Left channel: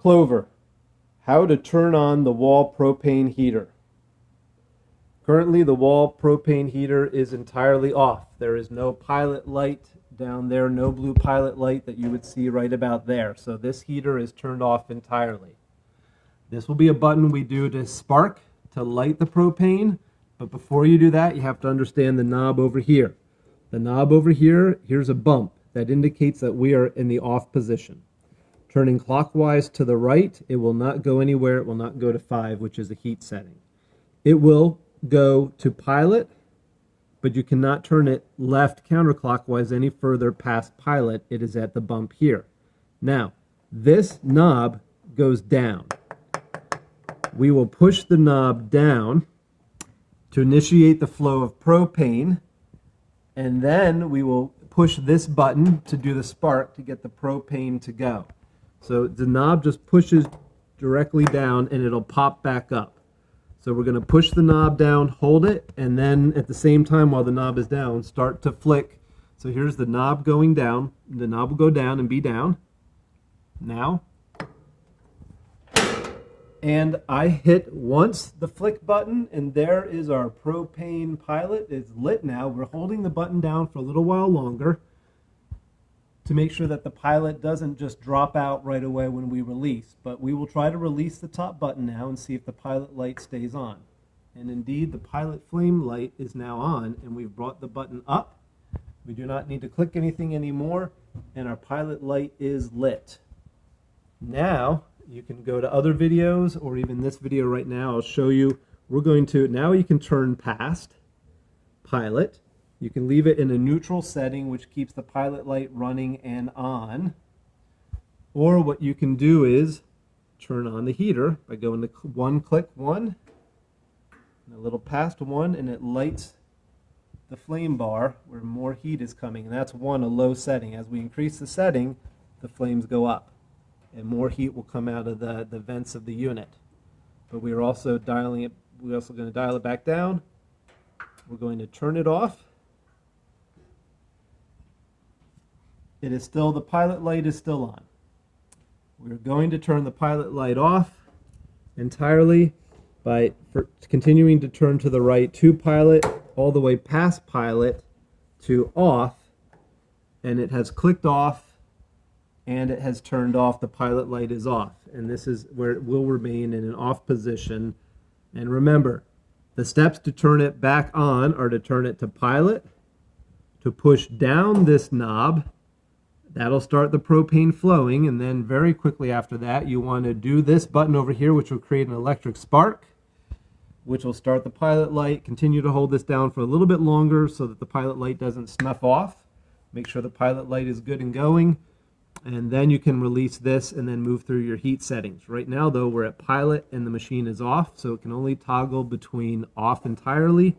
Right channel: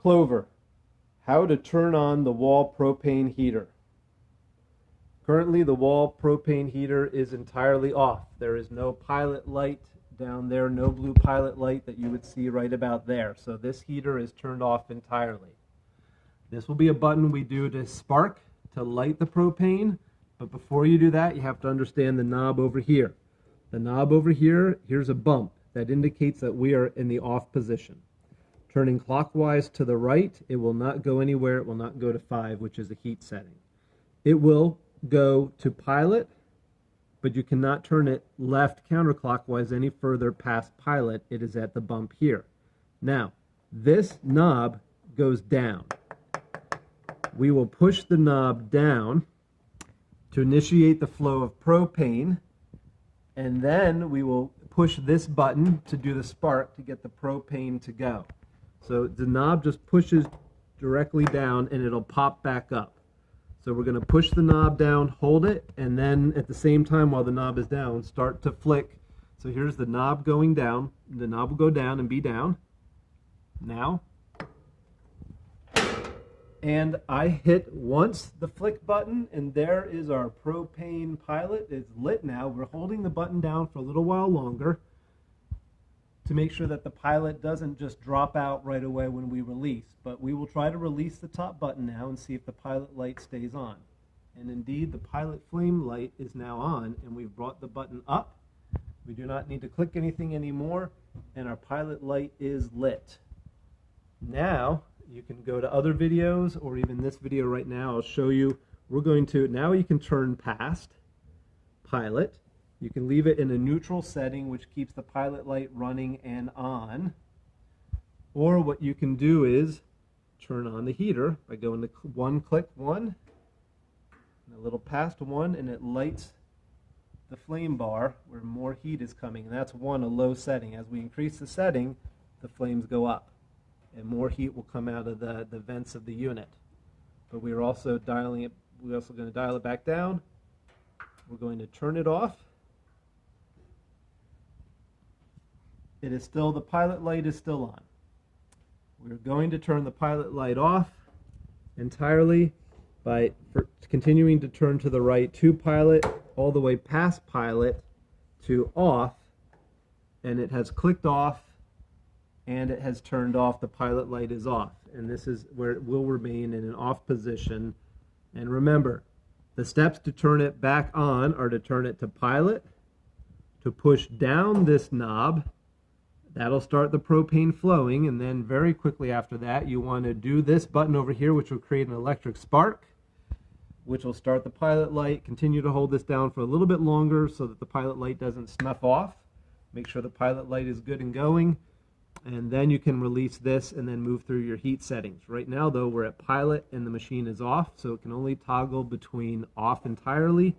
Clover, how to turn on the wall propane heater. Currently the wall propane heater is entirely off. There is no pilot light down there, no blue pilot light that you would see right about there. So this heater is turned off entirely. This will be a button we do to spark, to light the propane. But before you do that, you have to understand the knob over here. The knob over here, here's a bump that indicates that we are in the off position. Turning clockwise to the right, it will not go anywhere. It will not go to 5, which is a heat setting. It will go to pilot, but you cannot turn it left counterclockwise any further past pilot. It is at the bump here. Now, this knob goes down. We will push the knob down to initiate the flow of propane, and then we will push this button to do the spark to get the propane to go. So the knob just pushes directly down and it'll pop back up. So we're going to push the knob down, hold it, and then at the same time while the knob is down, start to flick. So here's the knob going down. The knob will go down and be down. Now. And I hit once the flick button, and there is our propane pilot. It's lit now. We're holding the button down for a little while longer to make sure that the pilot doesn't just drop out right away when we release. But we will try to release the top button now and see if the pilot light stays on. And indeed, the pilot flame light is now on, and we've brought the button up. We do not need to click anything anymore, and our pilot light is lit. Now, you can go to other videos, or even this video right now. I'll show you. We're going to, now you can turn past pilot. You can leave it in a neutral setting, which keeps the pilot light running and on. Or what you can do is turn on the heater by going to click one, and a little past one, and it lights the flame bar where more heat is coming. And that's one, a low setting. As we increase the setting, the flames go up, and more heat will come out of the vents of the unit. But we're also dialing it, we're also going to dial it back down. We're going to turn it off. It is still, the pilot light is still on. We're going to turn the pilot light off entirely by continuing to turn to the right to pilot, all the way past pilot to off, and it has clicked off and it has turned off. The pilot light is off, and this is where it will remain in an off position. And remember, the steps to turn it back on are to turn it to pilot, to push down this knob. That'll start the propane flowing, and then very quickly after that you want to do this button over here, which will create an electric spark, which will start the pilot light. Continue to hold this down for a little bit longer so that the pilot light doesn't snuff off. Make sure the pilot light is good and going, and then you can release this and then move through your heat settings. Right now though, we're at pilot and the machine is off, so it can only toggle between off entirely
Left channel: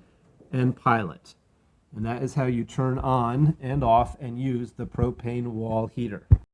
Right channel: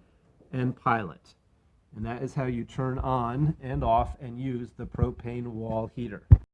and pilot. And that is how you turn on and off and use the propane wall heater.